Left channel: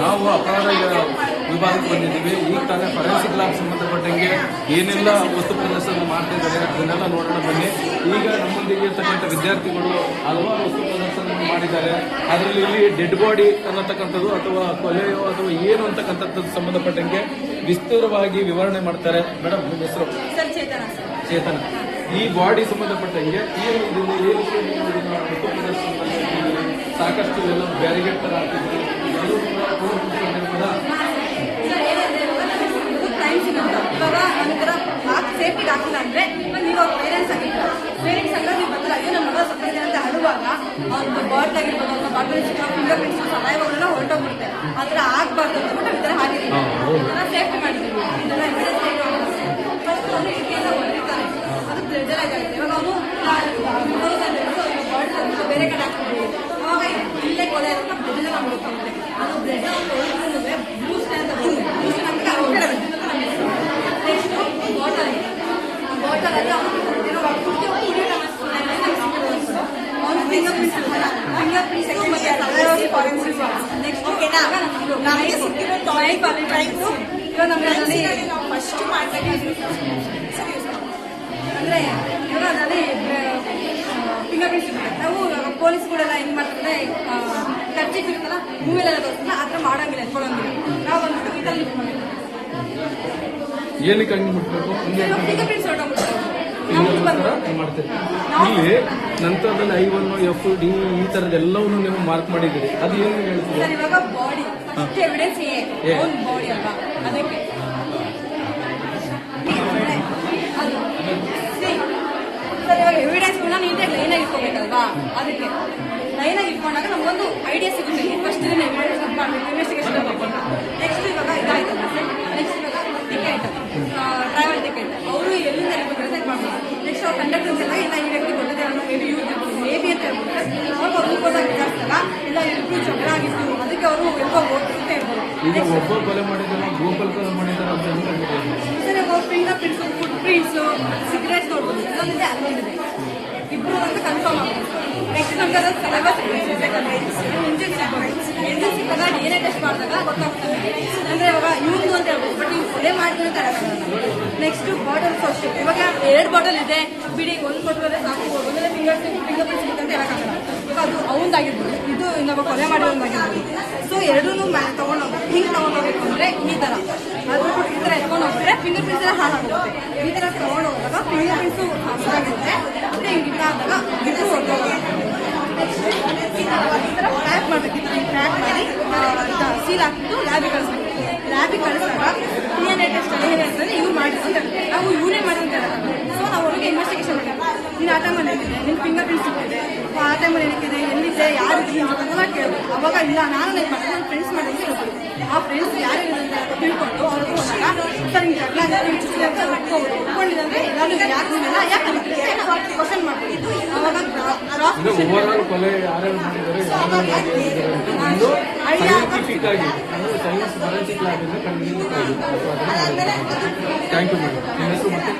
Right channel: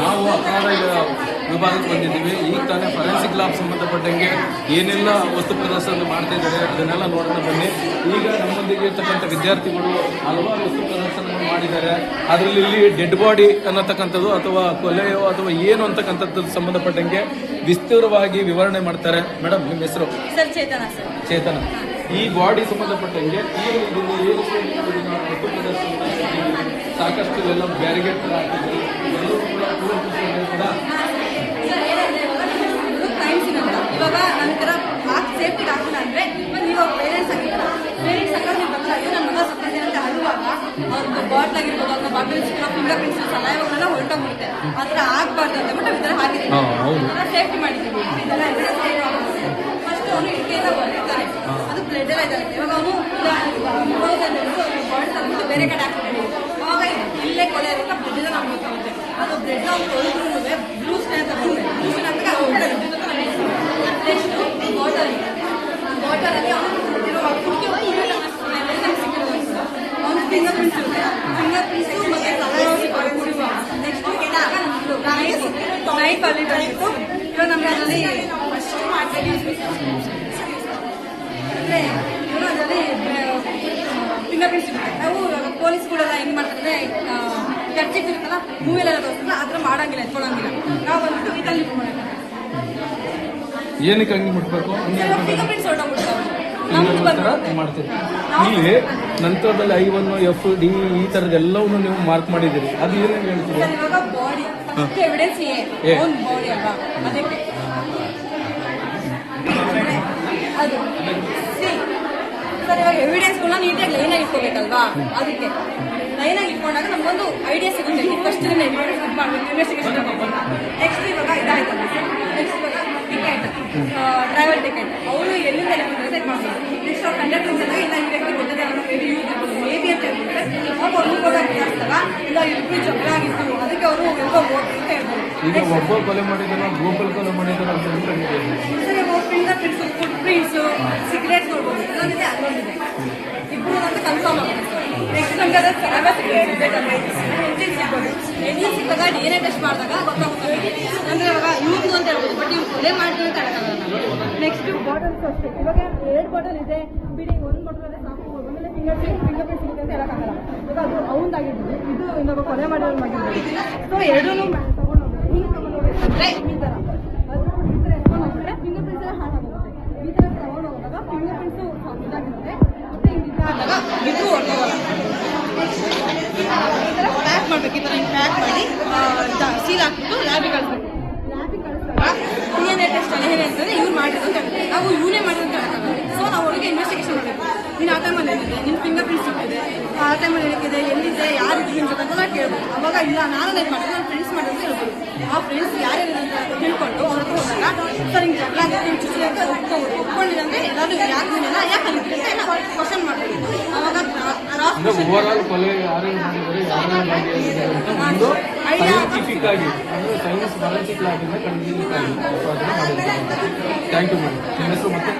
ನಾವು ಅಪರಾಧ ವಿಭಾಗಕ್ಕೆ ಬಂದಿದ್ದೀವಿ. ಈಗ ತಾನೇ ಫರೆನ್ಸಿಕ್ ಲ್ಯಾಬ್ ಸಂಬಂಧಪಟ್ಟಂಗೆ ಏನೆಲ್ಲ ವಸ್ತು ಪ್ರದರ್ಶನ ಮಾಡ್ತಾ ಇದ್ದಾರೆ ಅದನ್ನೆಲ್ಲ ನೋಡೋಣ ಬನ್ನಿ. ಈಗ ನಮ್ಮೊಂದಿಗೆ ಇರ್ತಕ್ಕಂಥ ವಿದ್ಯಾರ್ಥಿಗಳು ಹಲವಾರು ವಸ್ತು ಪ್ರದರ್ಶನವನ್ನು ಮಾಡಿದ್ದಾರೆ. ಅದರಲ್ಲಿ ಇಲ್ಲಿ ಡೆಡ್ ಬಾಡಿ ಅನ್ನತಕ್ಕಂಥದ್ದು ಅಥವಾ ಕೊಲೆ ಅಥವಾ ಏನು ಅಂತಕ್ಕಂಥದ್ದು ಸಂಬಂಧಪಟ್ಟಂಗೆ ವಿಸ್ತಾರವಾಗಿ ವಿವರಣೆ ಮಾಡ್ತಾರೆ. ಮೇಡಮ್, ನಿಮ್ಮ ಹೆಸರು? ಚೇತನ. ಈ ಬಾಡಿ ಸಂಬಂಧಪಟ್ಟಂಗೆ ಏನು ವಸ್ತು ಪ್ರದರ್ಶನ ಸಾಕಷ್ಟು ಎಲ್ಲ ಬ್ಯಾರಿಗೇಡ್ ತರ ಹಾಕಿದ್ದಾರೆ. ಇವಾಗ ನಂತರ ಸೇಫ್ಟಿ ಆಗ್ತಿಲ್ಲ ಅಂದ್ರೆ ಇವಾಗ ಪೇರೆಂಟ್ಸ್ ಆಗಿರ್ತಾರೆ. ಪೇರೆಂಟ್ಸ್ ಆಗಿ ಬಂದಾಗ ನನ್ನ ಮಗ ಸತ್ತೋಗಿದೆ ಅಂತ ಅಳುವಾಗ ಅವ್ರದ್ದು ಬಾಟ್ಲ್ ಆಗಿರ್ಬೋದು, ಅವ್ರ ಬಾಟ್ಲ್ ಫಿಂಗರ್ ಪ್ರಿಂಟ್ಸ್ ಸಲಹೆಗಳೆಲ್ಲ ಹೊರಟೋಗ್ಬಿಡುತ್ತೆ. ಆ ಥರ ಆಗ್ಬಾರ್ದು ಅಂತ ಬಿಟ್ಟು ಈ ಥರ ಹಾಕಿದ್ದೀವಿ. ಈ ಥರ ಸೇಫ್ಟಿ ಮಾಡಿದ್ದೀವಿ. ಅದು ಬ್ಲಡ್ ಎಲ್ಲ ಇದಾಗುತ್ತೆ. ಇವಾಗ ಅವನು ಬೇರೆ ಕಡೆ ಹಾಕ್ತಿದ್ವಿ. ಅವಾಗ ಇಲ್ಲೇ ಕೊಲೆ ಆಗುತ್ತೆ, ಬ್ಲಡ್ ನಮ್ಗೆ ಗೊತ್ತಾಗುತ್ತೆ. ಅದು ಬ್ಲಡ್ ಬ್ಲೂಸ್ ಅಂತ ಬಾಟಲ್ ಅಲ್ಲಿ ಅವನು ಫಿಂಗರ್ ಪ್ರಿಂಟ್ಸ್ ಇರುತ್ತೆ. ಫಿಂಗರ್ ಪ್ರಿಂಟ್ಸ್ ಮತ್ತೆ ನೆಕ್ಸ್ಟ್ ಇವಾಗ ನಮ್ಮಲ್ಲಿ ಅಂದ್ರೆ ಇವಾಗ ಅದರಲ್ಲಿ ಫಿಂಗರ್ ಪ್ರಿಂಟ್ಸ್ ಇರುತ್ತೆ. ನಾವು ಇವಾಗ ಪೊಲೀಸ್ಗಳೆಲ್ಲ ಹೆಂಗ್ ಮಾಡ್ತಾರೆ, ಖರ್ಚಿಗೆ ಇರುತ್ತಲ್ಲ ಮೂವಿಲೆಲ್ಲ ತೋರಿಸ್ತಾರೆ, ಆ ಥರ ಮಾಡಂಗಿಲ್ಲ, ಎತ್ಕೊಳ್ಳಂಗಿಲ್ಲ. ನಾವು ಬಂದ್ಬಿಟ್ಟು ಇದರಲ್ಲಿ ಏನಕ್ಕೆ ಹಂಗೆ ಮುಟ್ಬೇಕು ಫಿಂಗರ್ ಪ್ರಿಂಟ್ಸ್ ಹೊರಟೋಗ್ಬಿಡ್ತಾರೆ. ಮಾಡ್ತೀರಿ. ಇಲ್ಲಿ ನಂತರದಲ್ಲಿ I1, F, D ಈ ತರದೆಲ್ಲವನ್ನು ನೀವು ಮಾರ್ಕ್ ಮಾಡಿದ್ದೀರಿ. ಅದು ಏನೇನು ಹೇಳ್ತೀವಿ? ಇವಾಗ ಬಾಡಿ ಫಸ್ಟ್ ಎವಿಡೆನ್ಸ್ ಬಾಡಿ ಅಲ್ವಾ, ಅದಕ್ಕೆ ಸರ್ ಇವಾಗ ಎವಿಡೆನ್ಸ್ಗಳನ್ನ ನೀಟಾಗಿ ಲೈನಾಗಿ ಇಟ್ಕೋಬೇಕಲ್ವಾ, ಅದಕ್ಕೆ ಲೈನಾಗಿ ಇಟ್ಕೊಂಡಾಗ ನಮಗೊಂದು ಐಡಿಯಾ ಸಿಗುತ್ತೆ. ಫಸ್ಟ್ ಇನ್ವೆಸ್ಟಿಗೇಷನ್ ನೆಕ್ಸ್ಟ್ ಇವಾಗ ಇದಾಯ್ತಲ್ಲ ಸರ್. ನೆಕ್ಸ್ಟ್ ಇವಾಗ ಟಿಕೆಟ್, ಟ್ರಾವೆಲ್ ಟಿಕೆಟ್ ಅವರು ಎಲ್ಲಿಂದ ಡಿಸೈಡ್ ಮಾಡ್ಬೋದು. ನೆಕ್ಸ್ಟ್ ಅವ್ರು ಕಂಡಕ್ಟರ್ ಇದ್ದಾಗ ಇಲ್ಲ ಈ ವ್ಯಕ್ತಿ ಗೊತ್ತಿದೆ ಅನ್ನೋ ಮೇಬಿ ಯೂಸ್ ಇರ್ಬೋದು, ಮೇಬಿ ಅಂತ ಹೇಳ್ಬಿಟ್ಟು ಅವಾಗ ಅವ್ರು ಹೋದಾಗ ವಿಚಾರಿಸಿದಾಗ ಇಲ್ಲ ಇಬ್ಬರು ಜಗಳ ಆಗಿತ್ತು, ಅದಕ್ಕೆ ಅವರು ಎಲ್ಲೋ ಓಟ್ ಅಂತ ಹೇಳ್ಬೋದು. ಈಗ ಒಬ್ಬ ಕೊಲೆ ಮಾಡಿದಾರೆ, ಗೋಪಾಲ್ ಕೊಲೆ ಮಾಡಿದಾರೆ ಅಂತ ಸರ್ ಇವಾಗ finger prints, food prints, cigarette ನೋಡ್ಬೋದು. ಇನ್ನೊಂದಿದೆ ಅಲ್ಲೊಂದಿದೆ, ಇಬ್ಬರು ಅಂತ ಕನ್ಫರ್ಮ್ ಆಗುತ್ತೆ. ನೆಕ್ಸ್ಟ್ ನಮ್ಗೆ ಅದು ಸಿಗಬೇಕಂದ್ರೆ ಮುಂಚೆ ಸಿಗ್ಬೋದು. ಎಲ್ಲಿ ಸಿಕ್ಕಾಗ DNA ಟೆಸ್ಟ್ ಮಾಡಿದಾಗ ಗೊತ್ತಾಗುತ್ತೆ. ಅಂದ್ರೆ ಇವಾಗ ಇವ್ನು ಅಂತ ಹೇಳ್ಬೋದು, ಬಟ್ ಇವ್ನು ಕೊಲೆ ಮಾಡ್ತೀನಿ ಅಂತ ಹೇಳಕ್ಕಾಗಲ್ಲ ನಾವು. ನೆಕ್ಸ್ಟ್ ಬಾಟಲ್ಸ್ ಅಷ್ಟೇ. ಇವಾಗ 2 ಬಾಟಲ್ ಇದೆ ಬಿಡಿ, 1 ಬಾಟಲ್ ಅಲ್ಲೇ ಸಾಕು, ಒಂದೊಂದೇ ಫಿಂಗರ್ ಪ್ರಿಂಟ್ ಸಿಗುತ್ತೆ ಅಂತ ಹೇಳಕ್ಕಾಗಲ್ಲ. ಇವಾಗ ಅದು ಅವಂದಾಗಿರ್ಬೋದು, ಇದು ಇನ್ನೊಬ್ಬ ಕೊಲೆ ಮಾಡಿರೋದಾಗಿರ್ಬೋದು. ಸೊ ಎರಡೂ ತಗೊಂಡೋಗ್ಬೇಕು. ಹಿಂಗೆ ತಗೊಂಡೋಗ್ಬೇಕು ಅಂದ್ರೆ ಈ ತರ ಅದು ಈ ತರ ಎತ್ಕೊಂಡು ಹೋಗ್ಬಿಟ್ರೆ ಫಿಂಗರ್ ಪ್ರಿಂಟ್ಸ್ ಎಲ್ಲ ಹಾಳಾಗುತ್ತೆ. ಈ ತರ ತಗೊಂಡೋದಾಗ ಫಿಂಗರ್ ಪ್ರಿಂಟ್ಸು ಹಾಳಾಗಿರುತ್ತೆ. ಮತ್ತೆ ಹಿಂಗೆ ಇದಾದಾಗ ಬಿಟ್ಟು ಹೊರಟೋಗಲ್ಲ. ಈ ತರ ಪ್ಯಾಕ್ ಮಾಡ್ಬೇಕು. ಈ ತರ ಪ್ಯಾಕ್ ಮಾಡಿ ಸೀಲ್ ಹಾಕ್ಬಿಟ್ಟು ಲ್ಯಾಬಿಗೆ ಕಳಿಸ್ಬೇಕು. ಲ್ಯಾಬಿಗೆ ಕಳಿಸಿದಾಗ DNA ಟೆಸ್ಟ್ ಅಲ್ಲಿ ಏನಿರ್ತದೆ ಇವ್ರು ಮಾಡಿದ್ರು ಅಂತ ಹೇಳುತ್ತೆ. ನಾವು ಇವನೇ ಮಾಡಿದ್ರು ಅಂತ ಹೇಳಕ್ಕಾಗಲ್ಲ. ಸೊ ನಾವು ಅವ್ರಿಗೆ ಇನ್ವೆಸ್ಟಿಗೇಷನ್ ಮಾಡಬೇಕು. ನೀನು ಆ ಟೈಮಲ್ಲಿ ಏನಿದೆ, ನಿನ್ನ ಫಿಂಗರ್ ಪ್ರಿಂಟ್ಸ್ ಸಿಕ್ಕಿದೆ, ಆ ಟೈಮಲ್ಲಿ ಏನಿದೆ, ಎಲ್ಲಿದೆ, ಯಾರಿದೆ ಅಂತ ಕೇಳ್ಬೋದು. ಅವಾಗ ಇಲ್ಲ ನಾನು ಏನು ಮಾಡಿದ್ರೆ ನನ್ನ ಫ್ರೆಂಡ್ಸ್ ಮಾಡಿದ್ರೆ ಹೇಳ್ಬೋದು. ಆ ಫ್ರೆಂಡ್ಸ್ ಯಾರೇನು ಅಂತ ತಿಳ್ಕೊಂಡು ಅವ್ರಿಗೆ ಹೋದಾಗ ಸರ್ ಹಿಂಗೆ ಜಗಳ ಆಗುತ್ತೆ, ಚುಚ್ಚಿ ಅಂತ ಒಪ್ಕೊಂಡಿರಂದ್ರೆ ಎಲ್ಲರೂ ಯಾಕೆ ನೀನೆಲ್ಲ ಯಾಕೆ ಅಂತಿದೆ ಅಂತ ಕ್ವಶನ್ ಮಾಡ್ಬೋದು. ಅವಾಗ ಥ್ಯಾಂಕ್ ಯು ಮೇಡಮ್. ನಿಮ್ಮ ಹೆಸರು ಮತ್ತೆ?